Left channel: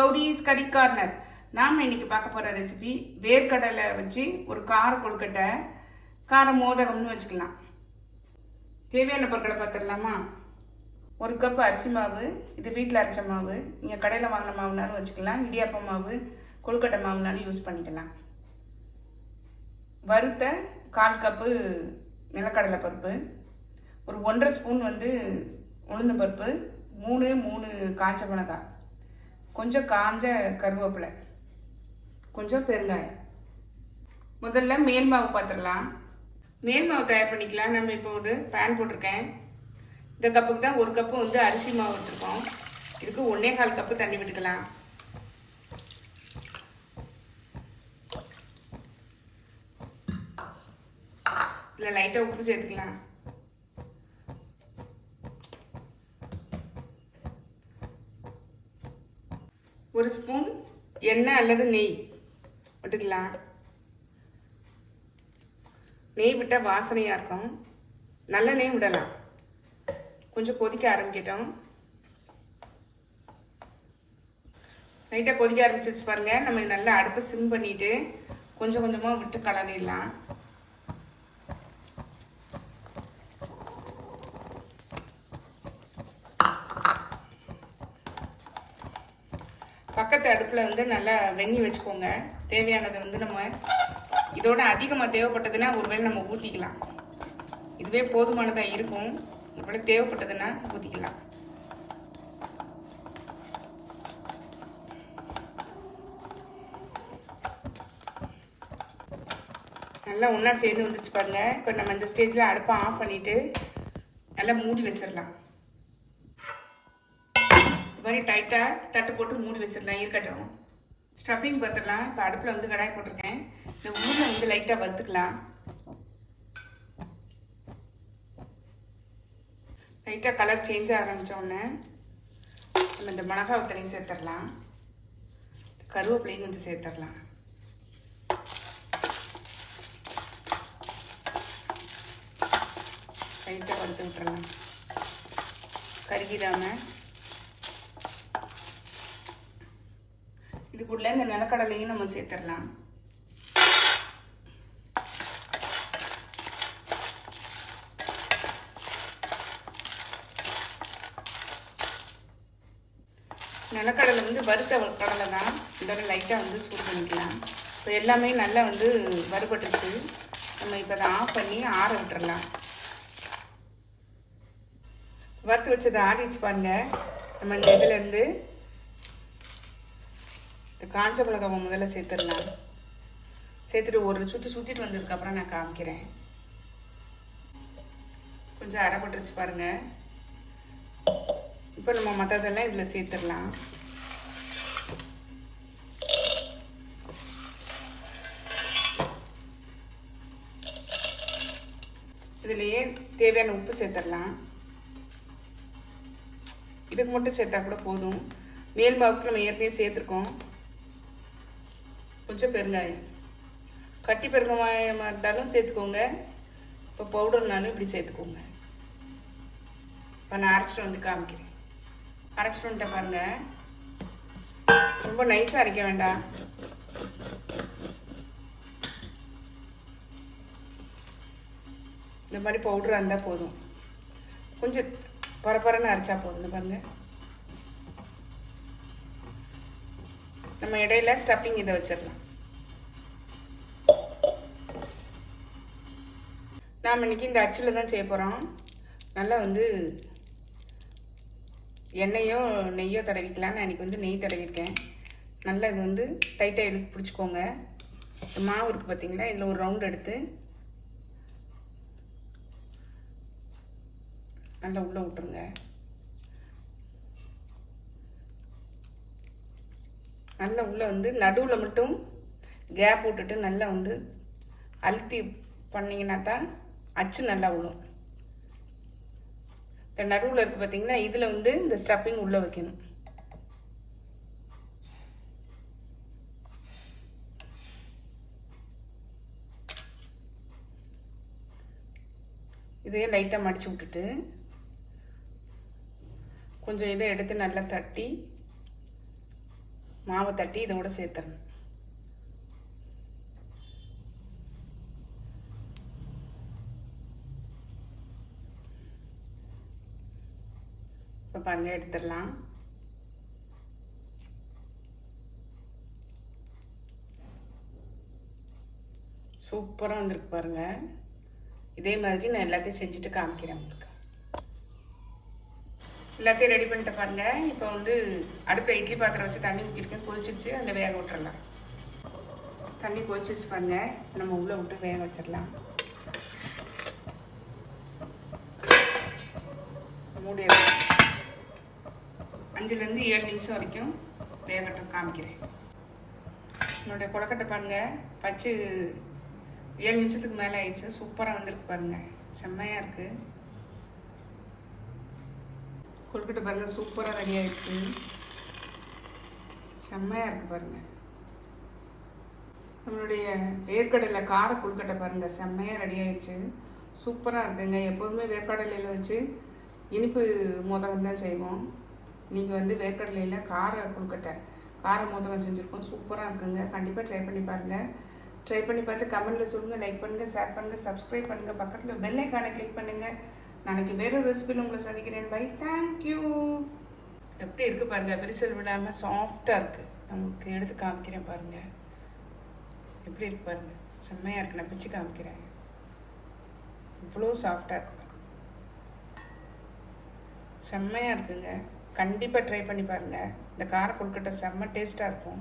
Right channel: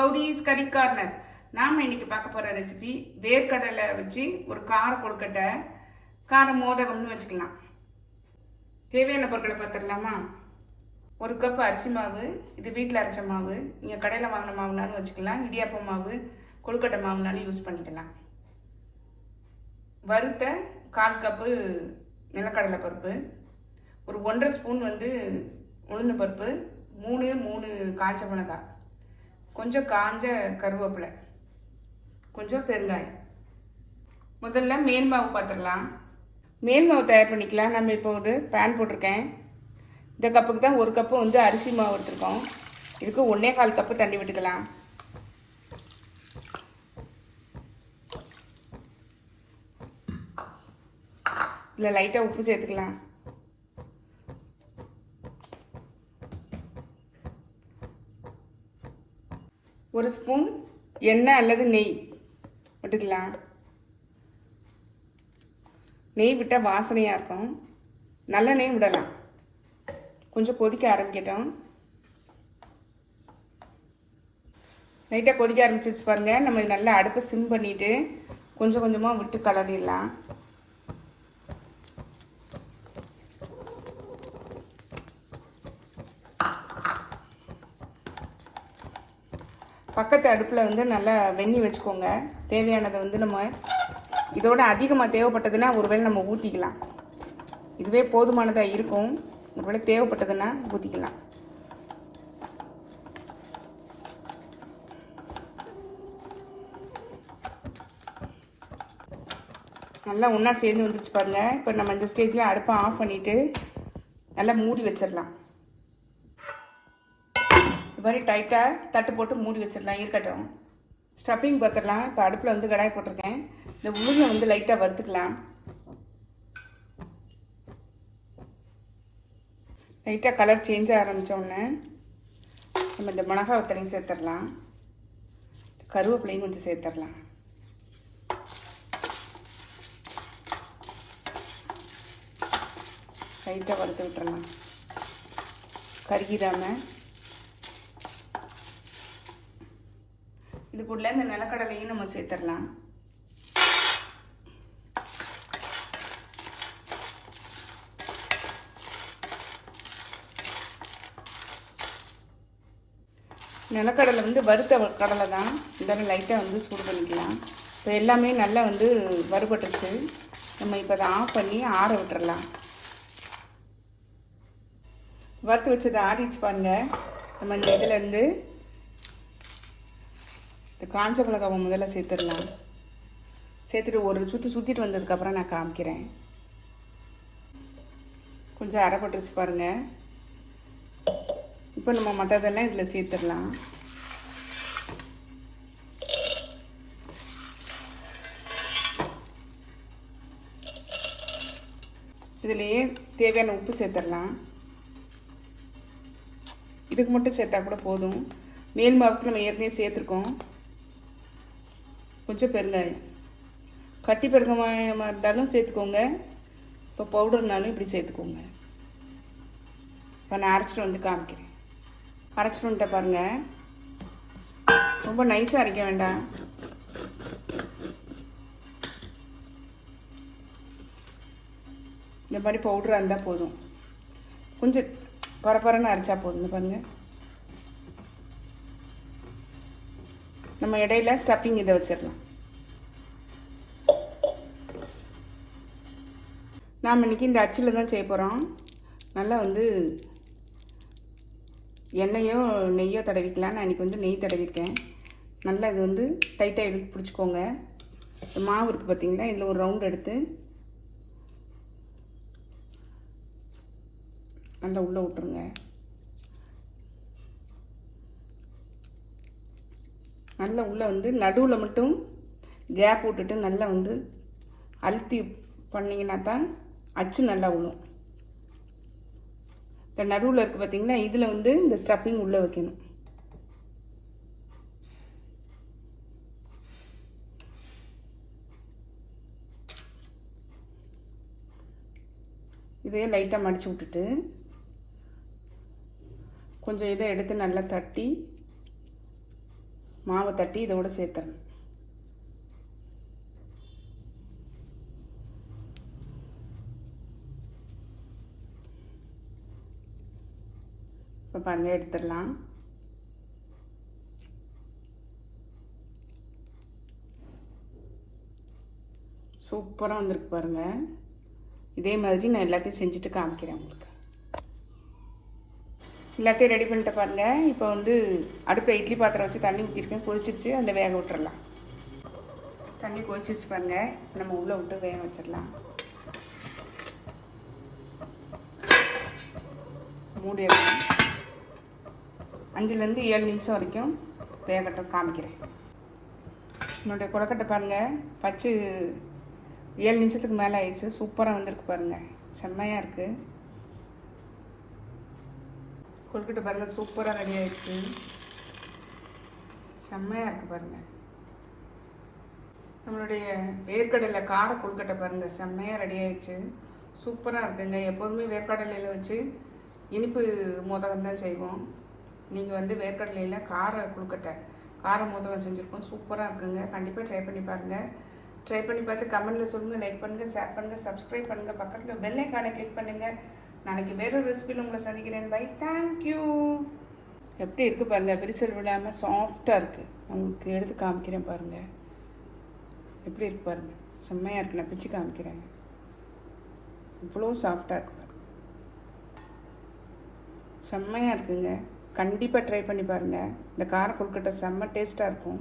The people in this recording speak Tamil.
கௌரிஸ் கறி கார்னர் நாம் இன்னைக்கு பார்க்க போகிற ரெசிபி வேர்க்கடலை வச்சு ஒரு கார கொழுக்கட்டை கார மோதகம்னு வச்சுக்கலாம். தேவையான பொருட்களை பார்த்துடலாமா? ஒரு கப் அரிசி மாவு இது வீட்டில் அரைச்ச மாவு நீங்கள் கடையில் வாங்கின மாவுனாலும் வச்சுக்கலாம். இடியாப்ப மாவு கொழுக்கட்டை மாவுனாலும் யூஸ் பண்ணிக்கலாம். வறுத்த கால் கப்பு நிலக்கடலை பருப்பு ஒரு ஒன்றரை ஸ்பூன் வந்து உளுந்த பருப்பு மூணு மூணு காஞ்ச மிளகாய். கொஞ்சம் காஞ்ச கருவேப்பிலை கொஞ்சம் பெருங்காயம். முதல்ல மேல் மாவு பார்த்துடலாம் மேல் மாவு தயார் பண்ணிக்கலாம். நம்ம இப்போ ஒரு பேன் போட்டிருக்கேன். இந்த கப்புக்கு தான் ஒரு கப்பு வந்து அரிசி மாவு எடுத்துருக்கோம். இதுக்கு ஒன்றே கால் கப்பு தண்ணி விட்டுக்கலாம். இதில் லைட்டாக உப்பு சேர்த்துக்கலாம். ஒரு ஸ்பூன் எண்ணெய் அல்லது நெய் விட்டுக்கலாம் நெய் விட்டால் வாசனையாக இருக்கும். நல்ல நெய் விடலாம். கொஞ்சம் கொதிக்க ஆரம்பிக்கட்டும். லைட்டாக கொதிக்க ஆரம்பிச்சிச்சு பாருங்கள் நம்ம இது நல்லா அடுப்பை சிம் பண்ணிவிட்டு கொஞ்சம் கொஞ்சமாக விட்டு கலரிடலாம். பக்கத்து அடுப்பில் வந்து நல்லா வெந்நி வச்சுக்கோங்க. தேவையானதை வந்து நம்ம இதோட அதிகமாக தேவைப்பட்டதுன்னா ஒருவேளை நம்ம ஊற்றிக்கலாம் இதுவே போதுமானதாக இருக்கும். ஒருவேளை தேவைப்பட்டதுன்னா ஊற்றிக்கலாம் நல்லா ஒன்றா சேர்ந்து வந்துருச்சு பாருங்கள் இப்போ நம்ம இந்த ஸ்டேஜில் அடுப்பை ஆஃப் பண்ணிவிட்டு நல்லா மூடி வச்சிடலாம். இது மாதிரி டைட்டாக தட்டு போட்டு மூடி வச்சிடலாம் இருக்கட்டும். ஸ்டப்பிங் பார்த்துடலாம் இப்போ அடுப்பில் வந்து கடாய் போட்டிருக்கேன். இந்த ஊரில் வந்து லைட்டாக வறுத்துக்கலாம். லைட்டாக கலர் சேஞ்ச் ஆரம்பித்தோடனே நம்ம இந்த மிளகா வத்தனையும் சேர்த்துடலாம். கருவேப்பிலையும் கொஞ்சம் சேர்த்துடலாம். லைட்டாக வறுத்து விட்டுறலாம். கருகிடாமல் இதுக்குள்ள இந்த நிலக்கடலையும் நம்ம சேர்த்துடலாம். நிலக்கடலை வந்து வறுத்த கடலை தான். இதெல்லாம் லைட்டாக வந்து சூடு பண்ணிக்கலாம். இப்போ எல்லாமே நல்லா வந்து வறுபட்டுச்சு நம்ம இப்போ அதை ஆஃப் பண்ணி ஆற விட்டுறலாம். வறுத்து வச்சதை ஆறிச்சு பாருங்கள் நம்ம இந்த இதுலேருந்து காஞ்ச மிளகாவை முதல்ல சேர்த்துடலாம். சேர்த்துட்டு ஒரு சுற்றி சுற்றிட்டு வந்ததுக்கப்புறம் நான் காமிக்கிறேன். கொஞ்சம் அரைப்பட்டுருச்சு பாருங்கள் இப்போ நம்ம மற்றதெல்லாம் இதில் சேர்த்துடலாம். இதுலேயே தேவையான உப்பு சேர்த்துடலாம். இதுக்கு மட்டும் சேர்த்தா கூட போதும். மேல் மாவுக்கு நம்ம ஏற்கனவே சேர்த்துருக்கோம். கொஞ்சம் பெருங்காயம். கட்டி பெருங்காயமாக இருந்தாலும் சேர்த்துக்கோங்க. இப்போ பவுடர்னாலும் இப்படி சேர்த்துக்கோங்க. இப்போ நான் அரைச்சிட்டு வந்து காமிக்கிறேன். அரைச்சிட்டு வந்துட்டேன் பாருங்க. ரொம்ப நைஸாக அரைக்க வேண்டாம். இந்த மாதிரி பவுடராக இருந்தால் போதும். கொஞ்சம் பரபரன்னு அரைச்சா போதும். பாருங்கள் நம்ம இடையில ஸ்டப்பிங் இதை வச்சிடலாம். நாம் இன்னைக்கு இந்த அச்சில் தான் செய்ய போகிறோம் நல்லா வந்து எண்ணெயோ நெய்யோ தடவிக்கலாம். நான் இன்றைக்கி வந்து நெய் தடவிருக்கேன். நல்லா இது வந்து டைட்டாக எடுத்து பிடிச்சிக்கோங்க. இந்த மாவு இருக்குது பார்த்தீங்களா இதில் ஒரு ரவுண்ட் எடுத்து நல்லா உள்ளே விட்டுருங்க. நல்லா உள்ளே வந்து நடுவில் மட்டும் கேப் விட்டுட்டு நல்லா வந்து அழுத்தி பண்ணிங்கன்னா தான் அச்சு நல்லா விழும் இந்த நடுவில் இருக்குது பார்த்தீங்கன்னா இதில் வந்து இந்த ஸ்டப்பிங் உள்ளே வைக்கணும். இதையே லைட்டாக மடித்து விட்டுட்டு கொஞ்சம் இதை எடுத்து நல்லா தட்டி மாவை தட்டி இதோட சேர்த்துறேன் இப்போ பாருங்க எடுத்துடலாம். சூப்பராக வந்திருக்கு பாருங்கள் இதே மாதிரி நான் எல்லாத்தையும் செஞ்சுட்டு காமிக்கிறேன் உங்களுக்கு. எல்லாத்தையும் ரெடி பண்ணிட்டு பாருங்க. இப்போ வந்து அடுப்பில் இட்லி பாத்திரம் வச்சு தண்ணி ஊற்றிருக்கேன் கொதிச்சிச்சு அந்த வேக விட்டுறலாம். தண்ணி கொதிச்சிச்சு பாருங்க. இப்போ நம்ம உள்ளே விட்டு வேக வச்சிடலாம். மூடிடலாம் அஞ்சுலேருந்து ஏழு நிமிஷம் வரைக்கும் வேகட்டும் காமிக்கிறேன். என்னுடைய கொடக்கட்டை பாருங்கள் பச்சு ஏழு நிமிஷத்துக்கு மேலே ஆயிடுச்சு. சூப்பராக வந்திருக்கு பாருங்கள் செம்மையாக இருக்குது கொழுக்கட்டை பாருங்கள் சூப்பராக ரெடி ஆயிடுச்சு. செம்மையாக இருக்குது பாருங்கள் நம்மளுடைய வேர்க்கடலை கார கொழுக்கட்டை பாருங்கள் செம்மையாக ரெடி ஆயிடுச்சு. சூப்பராக இருக்குங்க. எப்போதுமே வேர்க்கடலையில் வச்சு இனிப்பு மோதகம் தான் செய்வோம். நீங்கள் வந்து வேர்க்கடலையில் கார கொழுக்கட்டை கார மோதகம் செஞ்சுருக்கோம். சூப்பராக இருக்குங்க. கண்டிப்பாக ட்ரை பண்ணி பாருங்கள் ட்ரை பண்ணி பார்த்து கமெண்ட்டில் சொல்லுங்கள் லைக் பண்ணுங்கள் ஷேர் பண்ணுங்கள் சப்ஸ்கிரைப் பண்ணுங்கள் பக்கத்தில் பெல் ஐக்கானை கிளிக் பண்ணுங்கள் நாளைக்கு வேறு ரெசிபியில் உங்களை சந்திக்கிறேன். பை தேங்க்யூ எப்படி இருக்குது பாருங்கள் விரிசல் விடாமல் சாஃப்டாக இருக்குது உங்களுக்கு எடுத்து காமிக்கிறேன் பாருங்கள் எப்படி இருக்கு பாருங்கள் செம்மையாக இருக்குது நான் பிச்சு காமிக்கிறேன். இவ்வளோ சாஃப்டாக இருக்கு. செம்மையாக இருக்குங்க. கண்டிப்பாக ட்ரை பண்ணி பாருங்கள் இந்த கார கொடுக்கட்ட செம்ம டேஸ்ட்டாக இருக்கும்.